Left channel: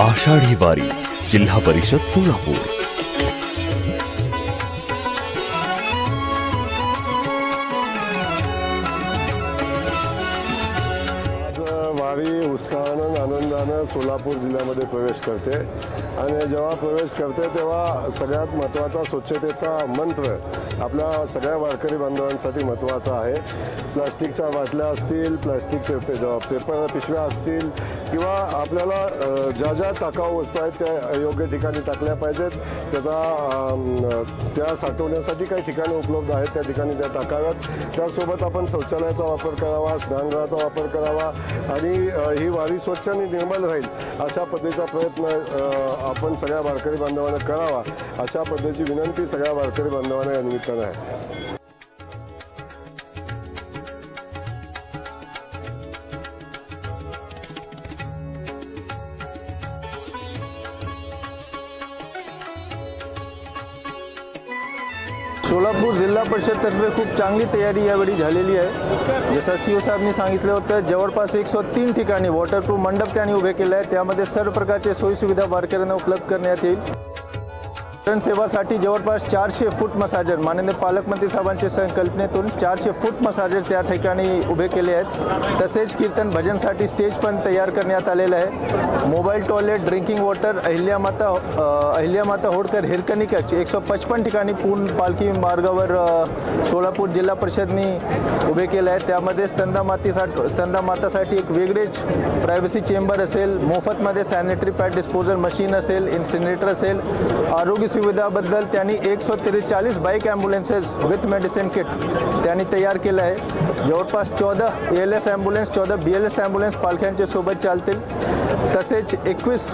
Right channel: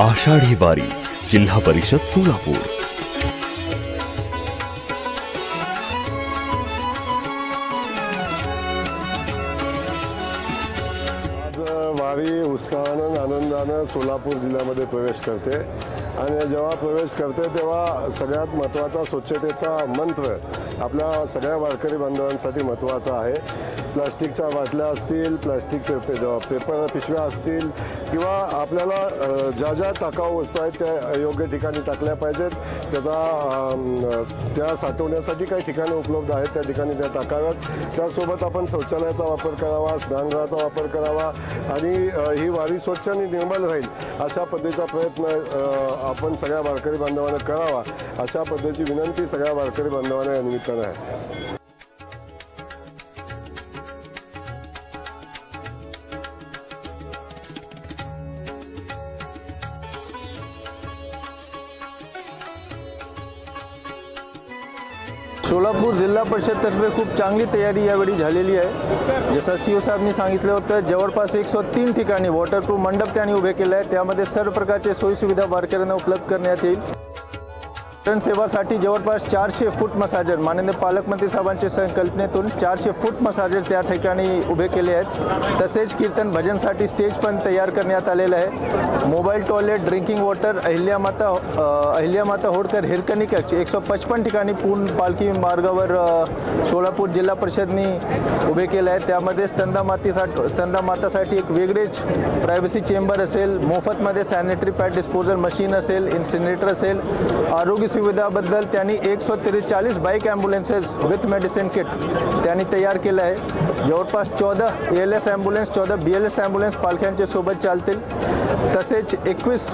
आषाढी वारी जिल्हा परिषद सोलापूर। आज वारी उत्साहानं आनंदानं सोलापूर जिल्ह्यामध्ये प्रवेश करते आणि जेव्हा प्रवेश करते तेव्हा सगळ्यात महत्त्वाचा स्वच्छतेचा मंत्र आपल्या सगळ्या वारकरी बांधवांसाठी महत्त्वाचा आहे। प्लास्टिकच्या बाटल्या असतील, प्लास्टिकचे पेपर पिशव्या असतील किंवा आपल्याला ज्या ज्या टाकाऊ वस्तू आहेत त्या योग्य ठिकाणी टाकल्या पाहिजेत। त्या साठवण्यासाठी काही ठिकाणे उपलब्ध आहेत, त्या ठिकाणी त्या टाकाव्यात। त्यासोबत आपण शौचालयाचा वापर करावा, स्नानगृहाचा वापर करावा आणि ही वारी स्वच्छ आणि निर्मल राहील अशा पद्धतीचा प्रयत्न आपण सगळ्या वारकरी बांधवांना करावा, अशा पद्धतीची विनंती सगळ्या वारकरी बांधवांना या निमित्तानं आहे। सोलापूर जिल्हा परिषदतर्फे खूप चांगली तयारी यावेळी झालेली आहे। जसं सीओ साहेबांनी सांगितलं होतं, जवळपास 103 ठिकाणी वॉटरप्रूफ मंडप त्यांनी उभे केले आहे। त्यामध्ये सर्व प्रकारचे सोयीसुविधा वारकऱ्यांना उपलब्ध करण्यात येईल। सेवासाठी जवळपास 400 फूट मसाजर माननीय पालकमंत्री साहेबांच्या संकल्पनेतून 400 फूट मसाजर त्या ठिकाणी उभे केले आहेत। तसेच कीर्तन भजनसाठी स्टेज पण तयार करण्यात आलेलं आहे। Mobile toilet, drinking water, Ahilyamata Holkar Hirkani कक्ष 155 ठिकाणी पूर्ण पालखी मार्गावर सोलापूर जिल्हा परिषदनी उभे केले आहे। त्यामध्ये स्तंदामातासाठी एक वेगळेच प्रायव्हसी चेंबर असेल, मोफतमध्ये सॅनिटरी पॅड डिस्पोजल मशीन असेल, इन्सिनरेटर असेल। आरोग्य सुविधाबद्दल त्यांनी 143 bike ambulances with medicine kit त्यांनी तयार केलं आहे। जवळपास 14 ALS ॲम्ब्युलन्स, 14 BLS ॲम्ब्युलन्स पालख्यांच्या सोबत चालतील। तसेच 21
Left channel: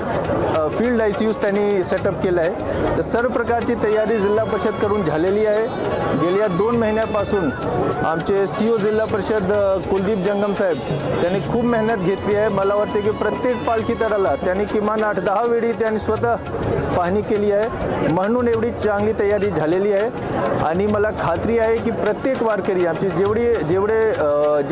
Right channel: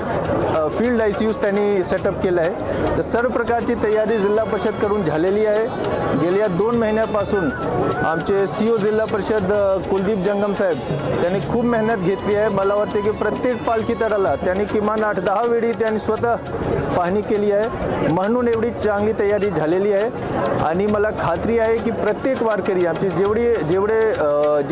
फील्ड ICUs त्यांनी सेटअप केलं आहे। तर सर्व प्रकारची तयारी जिल्हा परिषद करून झालेली आहे। गेल्या 2 महिन्यापासून आमचे CEO जिल्हा परिषद कुलदीप जंगम साहेब त्यांनी खूप मेहनत घेतली आहे। मला वाटते की प्रत्येक पालखी तळाला त्यांनी किमान 8-10 वेळी त्यांनी स्वतः पाहणी केली आहे, म्हणून एवढी चांगली तयारी झालेली आहे। आणि मला खात्री आहे की प्रत्येक वारकरी आमचे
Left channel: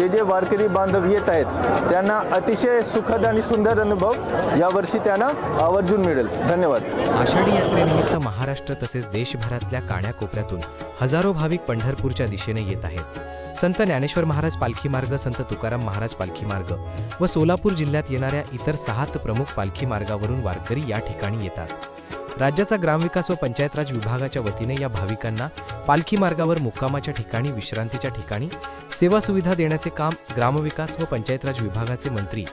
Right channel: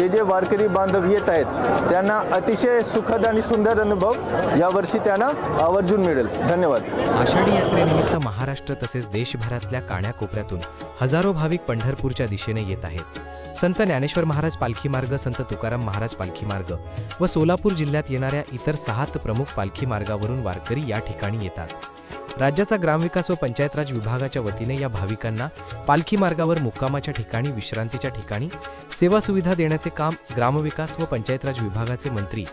जे वारकरी बांधव येत आहेत त्यांना अतिशय सुखद आणि सुंदर अनुभव यावर्षी त्यांना आवर्जून मिळेल। धन्यवाद। आषाढी यात्रेनिमित्त महाराष्ट्र तसेच देशभरातल्या कानाकोपऱ्यातून हजारो भाविक पंढरपूरच्या दिशेने येत आहेत। संत ज्ञानेश्वर महाराज पालखी मार्ग, संत तुकाराम महाराज पालखी मार्ग व सोलापूर जिल्ह्यात येणाऱ्या इतर 6 प्रमुख पालखी मार्गावरून वारकरी या ठिकाणी येतात। राज्याचा ग्रामविकास व पंचायतराज विभागाच्या वतीने या भाविकांना पालखी मार्गावर मुक्कामाच्या ठिकाणी, विश्रांतीच्या ठिकाणी सेवा सुविधा देण्याचे काम ग्रामविकास व पंचायतराज विभागाचे मंत्री,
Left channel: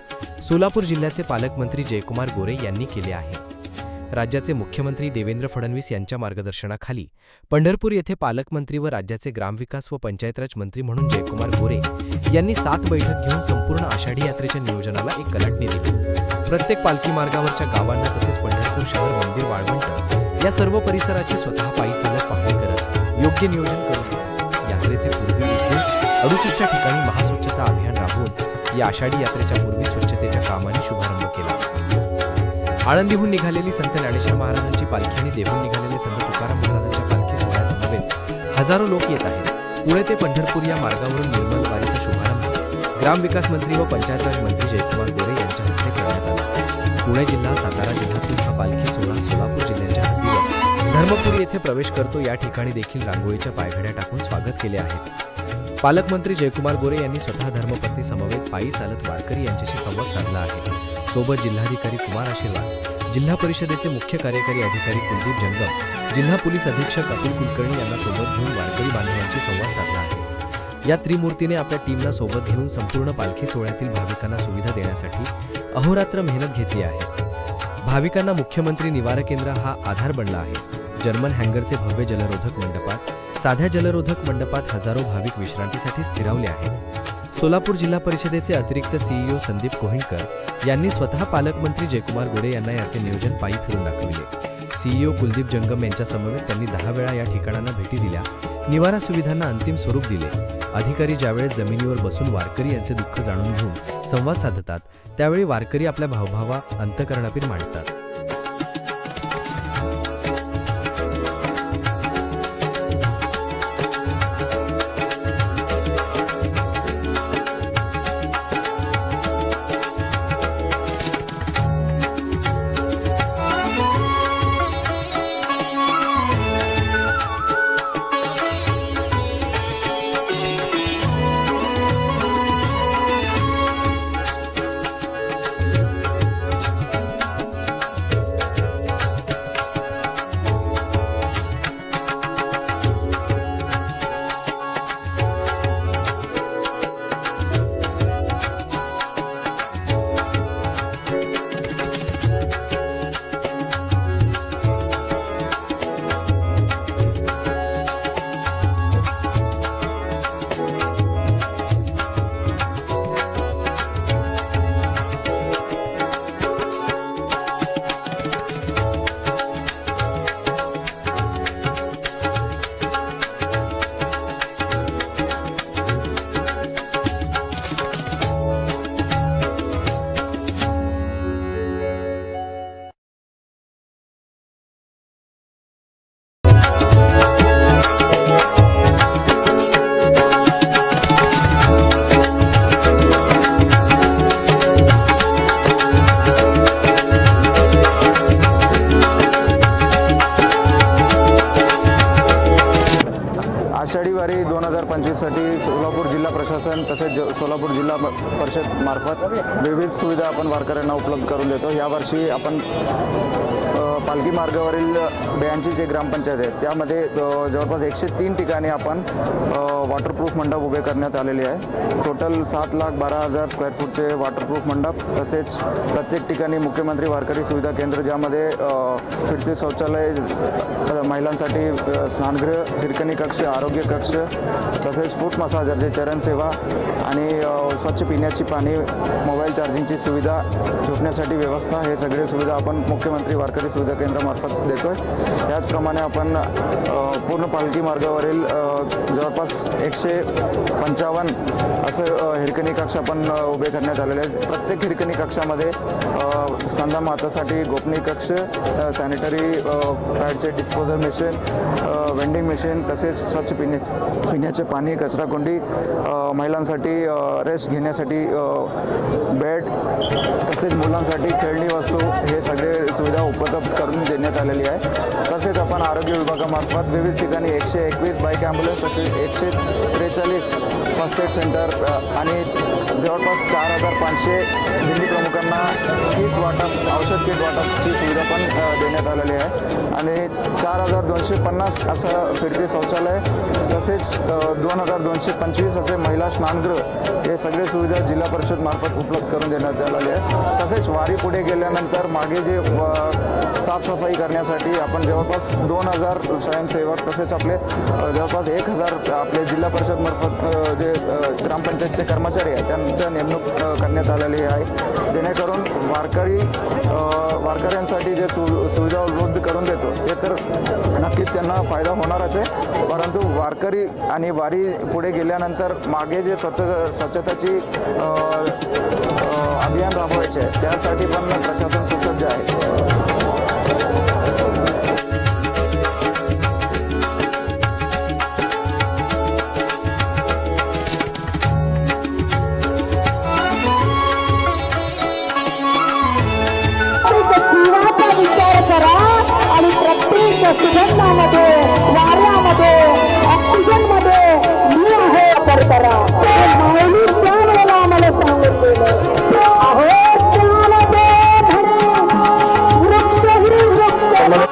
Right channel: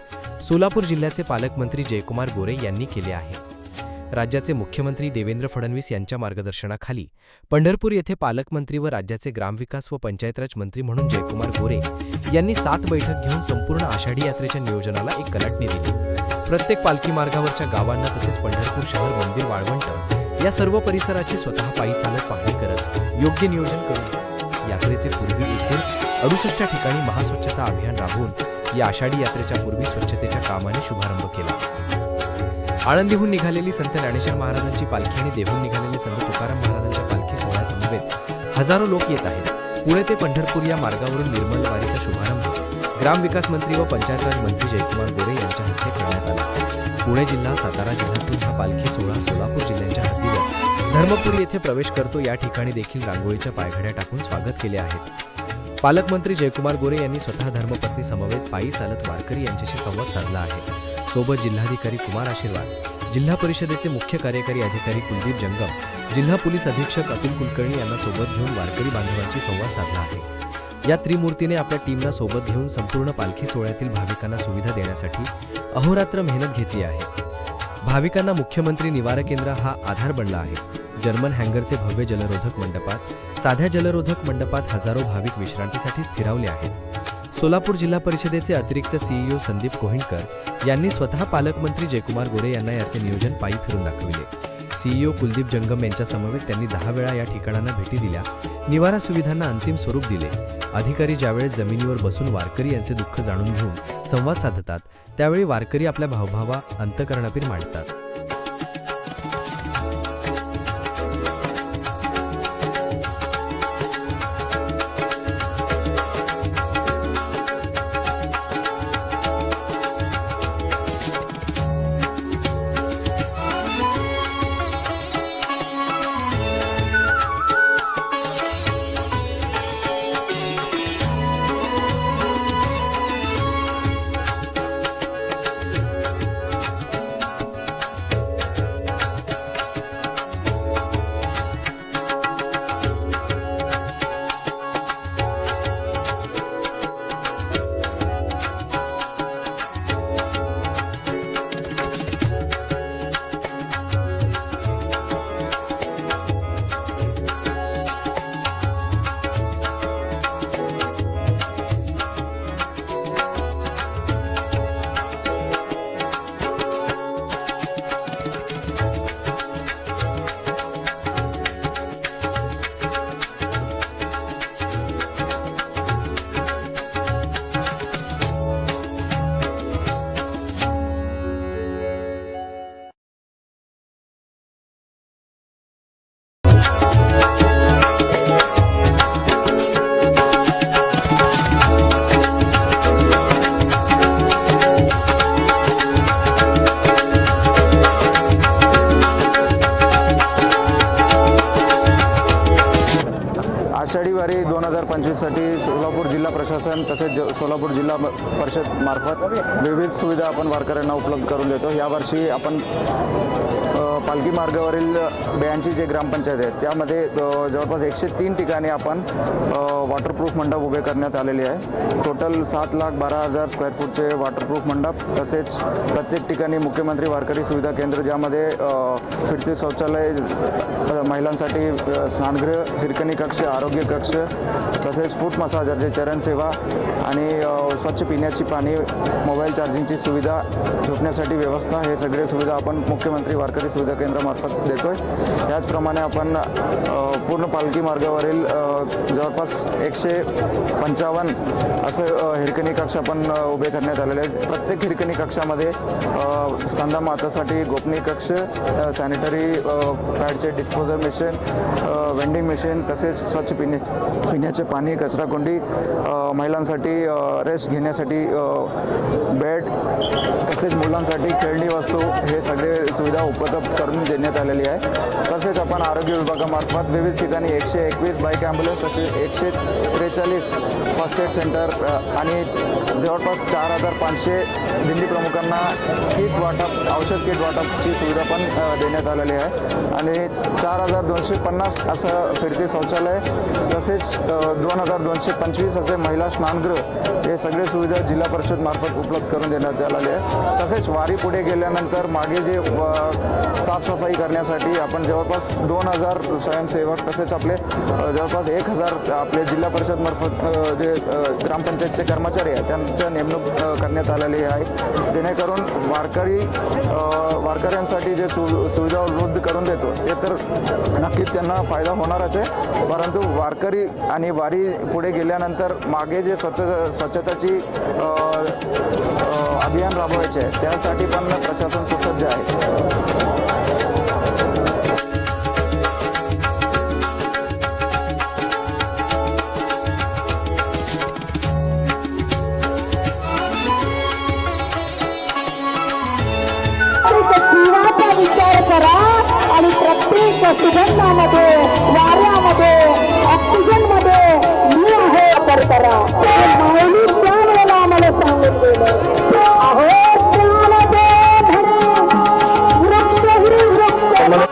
सोलापूर जिल्ह्याचे पालकमंत्री जयकुमार गोरे यांनी केले आहे। राज्याचे मुख्यमंत्री देवेंद्र फडणवीस यांच्या मार्गदर्शनाखाली पंढरपूर येथे पालकमंत्री व राज्याचे ग्रामविकास व पंचायतराज मंत्री म्हणून जयकुमार गोरे यांनी 7 बैठक घेऊन संपूर्ण आषाढी यात्रेच्या नियोजनाला एक कलाटणी दिली। प्रत्येक पालखी मार्गावरच्या गावांना तसेच पंढरपूर शहर, मंदिर, वाळवंट या सर्व परिसराची स्वतः पायी चालत पाहणी करत योग्य नियोजन करून यात्रेचे पूर्वी एकूण 68 ठिकाणी महास्वच्छता अभियान राबवून या आषाढी यात्रेच्या पूर्वी स्वच्छतेच्या कामाने शुभारंभ केला। आळंदीहून निघालेली संत ज्ञानेश्वर महाराजांची पालखी आणि देहून निघालेले संत तुकाराम महाराजांच्या पालखी सोहळ्यासमवेत हजारो लोक येत आहेत। पुणे ते पंढरपूर या मार्गावरून निर्मल वारीचा शुभारंभ ग्रामविकास मंत्री व पंचायतराज मंत्री जयकुमार गोरे यांच्या हस्ते करण्यात आला। पुणे जिल्हा, सातारा जिल्ह्यातून हा पालखी सोहळा सोलापूर जिल्ह्याच्या हद्दीवर धर्मपुरी येथे प्रवेश करतो। या ठिकाणी देखील रांगोळीच्या पायघड्या टाकून स्वागत केले आहेत। पालकमंत्री जयकुमार गोरे यांनी स्वतः धर्मपत्नी समवेत पायी चालत वारकरी यांच्याशी संवाद साधला आहे। सोबत जिल्हाधिकारी कुमार आशीर्वाद, जिल्हा परिषदेचे मुख्य कार्यकारी अधिकारी कुलदीप जंगम, जिल्हा पोलीस अधीक्षक अतुल कुलकर्णी यांना सोबत घेऊन वारकरी बांधवांशी संवाद साधला आहे। या त्रिमूर्तीने आपल्या टीमना सोबत घेऊन संपूर्ण पालखी सोहळ्यातील भाविकांना सुविधा देण्यासाठी अहोरात्र मेहनत घेतली आहे। भाविकांना मुख्यमंत्री निवारा केंद्र हा आधार बनला आहे। जर्मन हँगरचे भव्य जलरोधक मंडपात, साध्या जलरोधक मंडपात हजारो भाविक विश्रांतीसाठी स्थिरावले आहेत। सोलापूर जिल्हा परिषदेचे अतिरिक्त CEO संदीप कोहिणकर यांनी स्वतः पालकमंत्री जयकुमार गोरे यांना याचे नियोजन पायी फिरून दाखविले। CEO कुलदीप जंगम यांच्या समवेत त्यांनी 10 वेळा या ठिकाणांना भेटी दिल्या, निवारा सुविधांना अंतिम स्वरूप दिले। अधिकारी ज्यावेळेस जमिनीवर बसून वारकरी यांचे दुःख जाणून घेऊन संवाद साधतात, त्यावेळी वारकरी आपल्या भावभावा अंतकरणापीर मांडतात। 2025साठी सोलापूर जिल्हा प्रशासन तसेच सोलापूर जिल्हा परिषद मार्फत विविध सुविधा आपण वारकऱ्यांना उपलब्ध करून देतो. यावर्षी आपण पालखी मार्गावरील 82 जे ग्रामपंचायत आहेत त्यामध्ये जवळपास 103 ठिकाणी आपण वॉटरप्रूफ मंडप उभे करण्यात आलेले आहे. टोटल 7,12,000 स्क्वेअर फूटचे वॉटरप्रूफ मंडप, तसेच प्रत्येक ठिकाणी मुख्यमंत्री वारकरी सुविधा केंद्र ज्यामध्ये फिरते शौचालय, महिलांसाठी स्नानगृह, हिरकणी कक्ष, आरोग्य कक्ष, तसेच फूट मसाजर जे चरण सेवा आणि स्वच्छ पिण्याची पाणी, मोबाईल चार्जिंगची सुविधा, झोपण्यासाठी व्यवस्था, हे सगळे सुविधा आपण मुख्यमंत्री वारकरी सुविधा केंद्रामार्फत देतोय. त्याचप्रमाणे आपण पूर्ण पालखी मार्गावरील जवळपास 155 असं हिरकणी कक्ष आपण उभे करण्यात आलेले आहेत. प्रत्येक हिरकणी कक्षामध्ये स्कंदा मातासाठी गोपनीय कक्ष, सॅनिटरी पॅडचे डिस्पोजल मशीन, वेंडिंग मशीन, तसेच स्वच्छ पिण्याचे पाणी, कचराकुंडी, महिलांसाठी रेस्ट घेण्यासाठी बेड, तसेच मुलांसाठी खेळणी वस्तू, हे सगळे सुविधा उपलब्ध करून देण्यात आलेली आहे. तसेच आपण आरोग्य विभागामार्फत विविध ठिकाणी 121 बाईक ॲम्ब्युलन्स, तसेच 143 फर्स्ट एड सेंटर आणि जवळपास 4,500 दिंडी प्रमुखांना किट वाटप, औषध किट वाटपची सुविधा पण देण्यात आलेली आहे. आणि 4,250 असं फिरते शौचालय, तसेच 2,225 असे महिला स्नानगृह, हे सगळे सुविधा जिल्हा परिषद मार्फत उपलब्ध करून देण्यात आलेले आहे. तसेच वारी पुढे गेल्यानंतर मागे जे साफसफाई करण्यासाठी आपण जवळपास 2,000 स्वयंसेवक, तसेच आपले जवळपास 1,000 आपले जिल्हा परिषद मार्फत जे ग्रामपंचायतचे कर्मचारी आहेत त्यांचं नेमणूक करण्यात आलेली आहे. जेणेकरून वारकऱ्यांसाठी जे सुविधा उपलब्ध करून देतो ते तर नक्कीच त्यांना फायदा होणारच आहे, परंतु वारकरी आणि वारी पुढे गेल्यानंतर मागे जे स्वच्छताची अभियान राबवायचे आहे त्यासाठी पण प्रशासन सुसज्ज आहे. जीवाचा विचार करा आणि प्रत्येक सुगंधामध्ये, वाऱ्यामध्ये, ऑक्सिजनमध्ये मी आहे वापर करा. माऊली त्या वेळेला आम्हाला सांगून गेलं, अहो त्यामध्ये वृक्ष ही वृक्ष.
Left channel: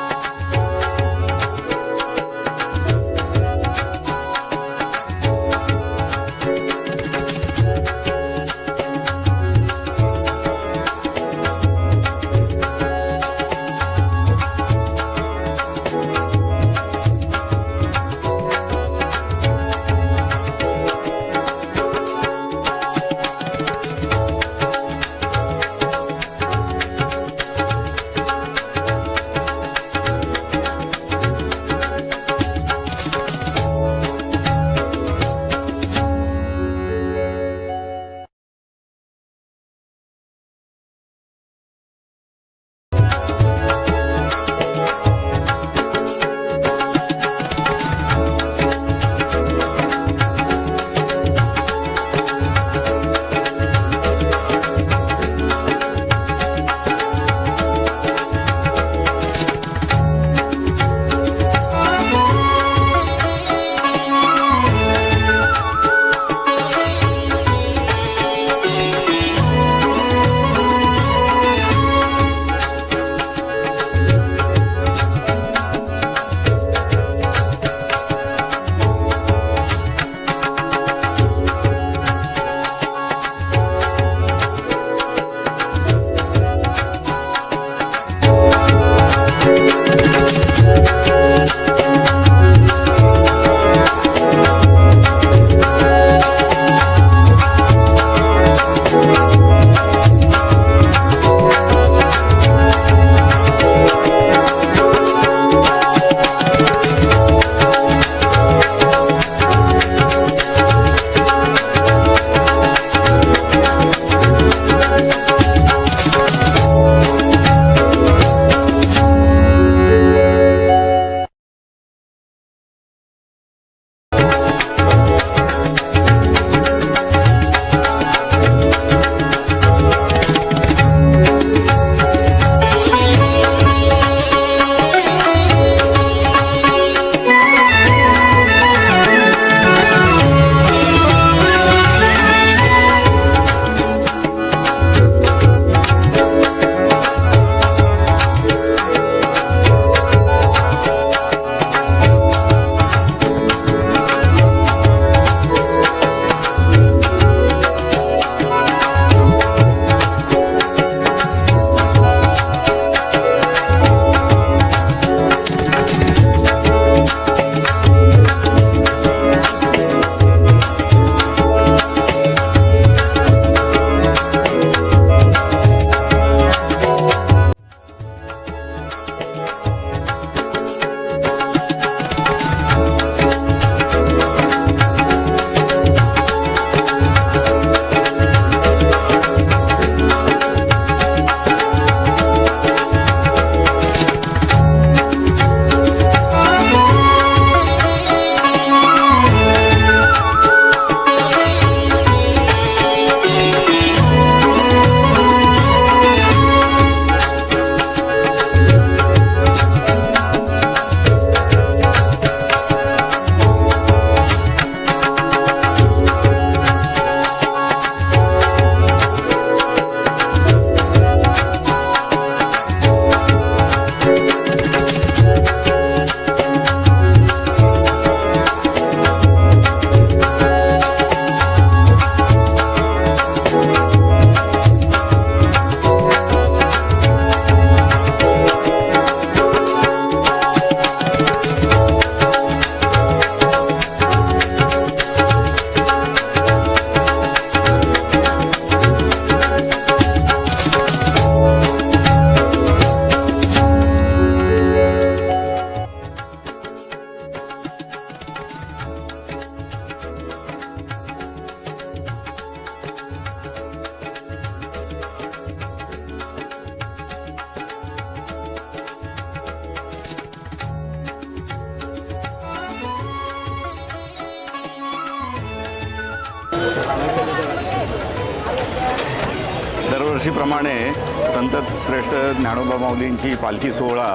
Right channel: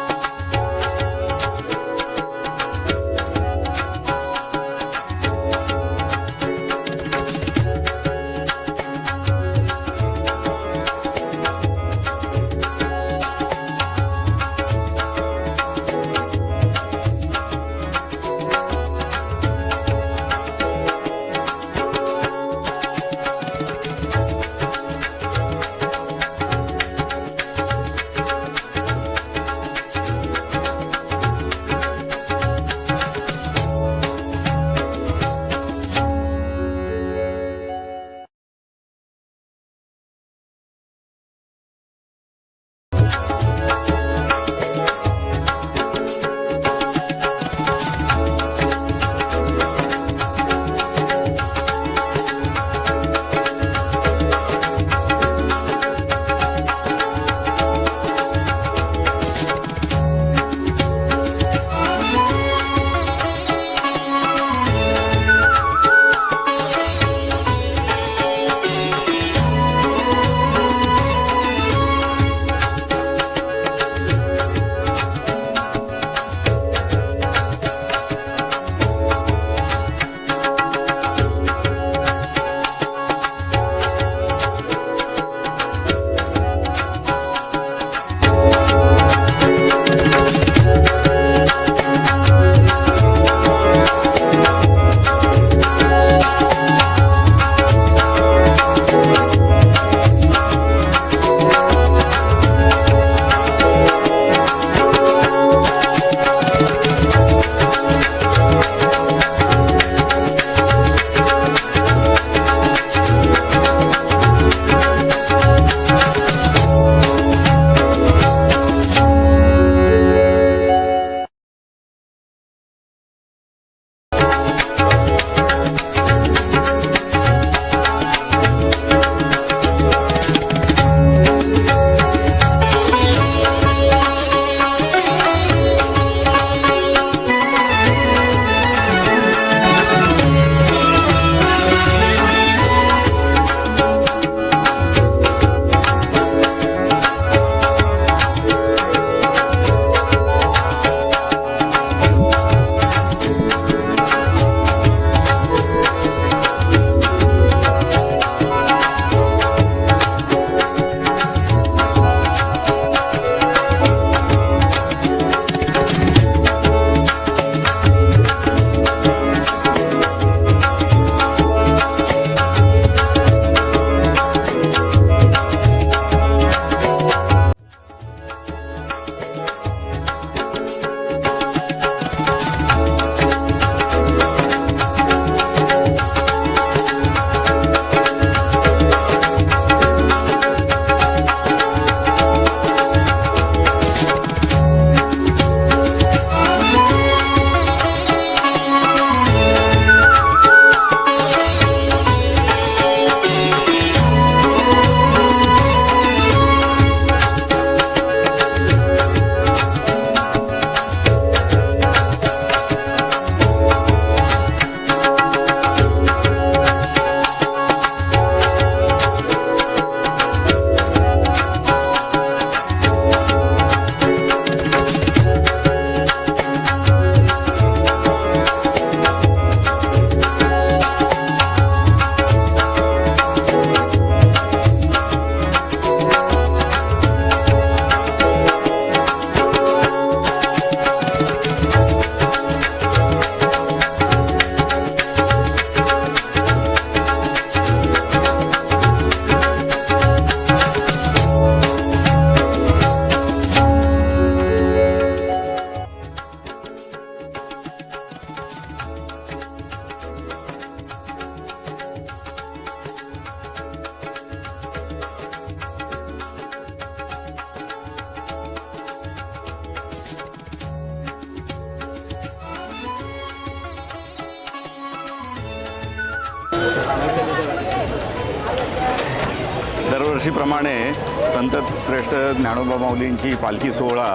दरवर्षीप्रमाणे संत श्रेष्ठ ज्ञानोबा माऊलींची पालखी सोहळा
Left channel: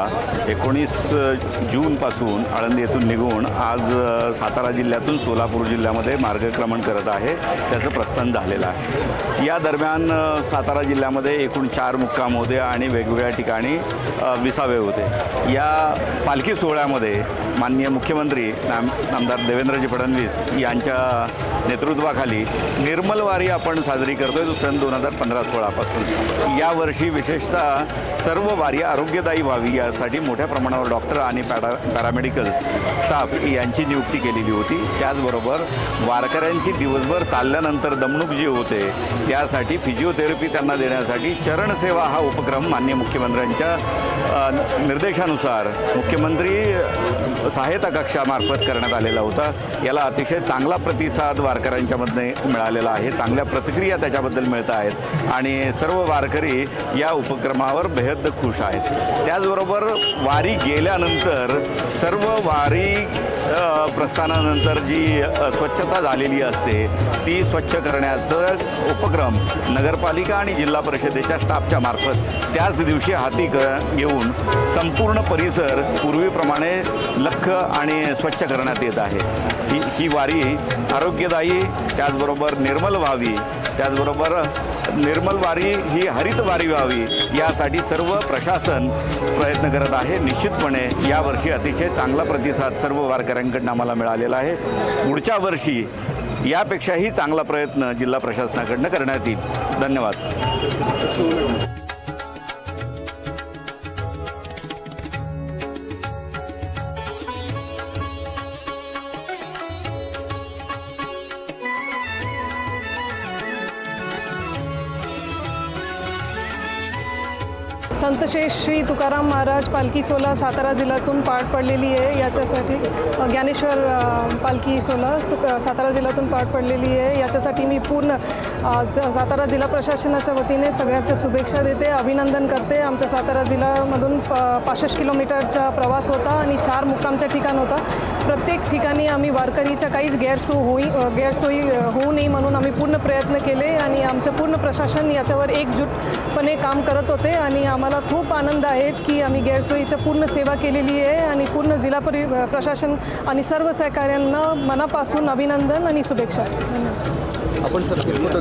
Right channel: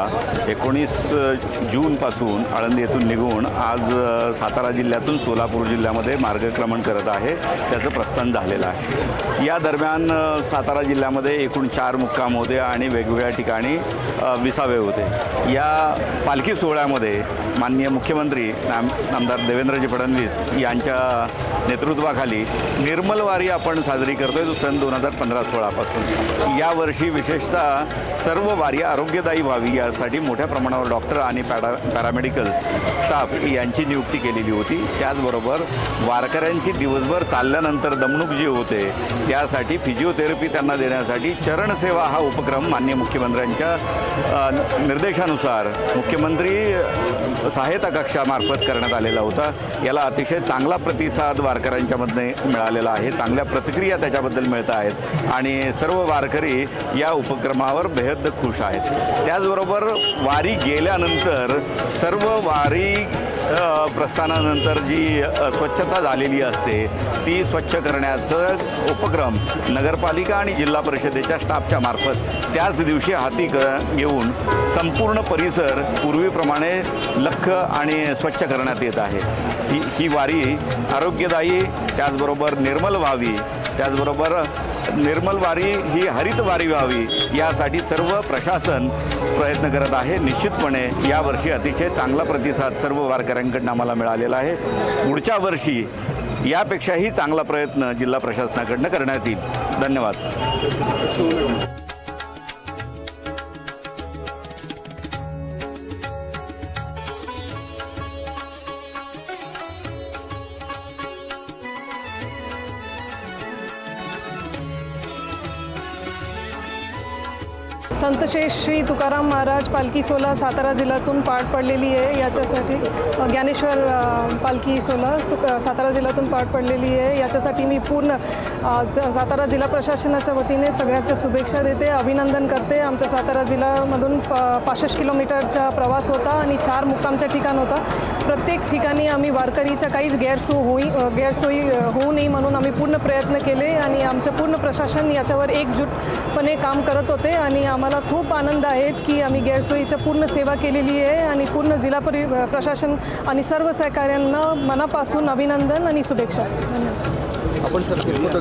19 जूनपासून आळंदी येथून निघून आज सातारा जिल्ह्यातून सोलापूर जिल्ह्यामध्ये मार्गक्रमण करत आहे. त्याचं प्रस्थान झालेलं आहे. या दरम्यान सातारा जिल्ह्यामध्ये एकूण 4 मुक्काम होते आणि वेगवेगळ्या ठिकाणी विसावे होते. या पालखी सोहळ्यामध्ये माननीय मुख्यमंत्री नामदार देवेंद्रजी फडणवीस यांच्या नेतृत्वाखाली निर्मल वारी आपण साजरी करतोय तो सन 2015-16 यावर्षी विशेषतः सर्व वारी आरोग्यदायी व्हावी यासाठी मोठ्या प्रमाणावर डॉक्टर आणि पॅरामेडिकल स्टाफ यांची नियुक्ती केलेली होती. त्याचबरोबर वारकऱ्यांची दिवसभर चालल्यानंतर दमणूक जी होते त्यासाठी फिजिओथेरपी त्यांना देण्यासाठी चरणसेवा हा उपक्रम माननीय मुख्यमंत्र्यांच्या निर्देशानुसार मुख्यमंत्री सहायता कक्षामार्फत करण्यात आलेला होता. याला अतिशय चांगला प्रतिसाद वारकऱ्यांच्यामध्ये मिळालेला आहे. चांगल्या प्रतिक्रिया त्याच्याबद्दल मिळत आहेत आणि सर्व वारकरी या उपक्रमावर बेहद खुश आहेत. त्याचबरोबर वारी गेल्यानंतर सर्व वारी प्रस्थानानंतर जी स्वच्छता झालेली असते ती स्वच्छ करण्याचं उपक्रम नगरपालिका आणि जिल्हा परिषदेच्या स्टाफच्या मार्फत त्याच दिवशी हाती घेऊन संपूर्ण परिसर पूर्वीप्रमाणे लख्ख आणि स्वच्छ करण्यात येत आहे. ही वारी आरोग्यदायी त्याचबरोबर निर्मल व्हावी, त्याचबरोबर निर्मल वारी ही हरित वारी व्हावी यासाठी सर्व प्रशासन प्रयत्न करत आहे. निश्चितपणे यावर्षी अतिशय चांगला प्रतिसाद सर्व वारकऱ्यांकडून आम्हाला मिळालेला आहे. पुढच्या वर्षी यापेक्षाही चांगला प्रयत्न जिल्हा प्रशासनाकडून करण्यात येईल. धन्यवाद. संत श्री तुकाराम महाराज पालखी सोहळा सातारा जिल्ह्यातून पार पडलेली आहे. याच्यासाठी ज्ञानेश्वर पालखी सोहळा सातारा जिल्ह्यातून पार पडलेली आहे. याच्यासाठी मी पूर्ण सातारा जिल्हा प्रशासनाच्या वतीने सगळ्यांच्या शुभेच्छा देते, अभिनंदन करते. आमच्या सातारा जिल्ह्यामधून 65 किलोमीटरचा प्रवास होता आणि 4 मुक्कामचं ठिकाण होता. प्रत्येक ठिकाणी आम्ही वारकरीच्या काहीच गैरसोयी होऊ नये म्हणून आम्ही पूर्ण प्रयत्न केले आणि आमचं पूर्ण प्रशासन याच्यावर एकजूटपणे काम करत होते आणि आम्हाला खूप आनंद आहे की आम्ही गैरसोयीचं पूर्ण सेवा केलेली आहे आणि पूर्ण जिल्हा प्रशासन आणि सर्व सहकाऱ्यांना मनापासून अभिनंदन आणि शुभेच्छा. धन्यवाद. आपण सर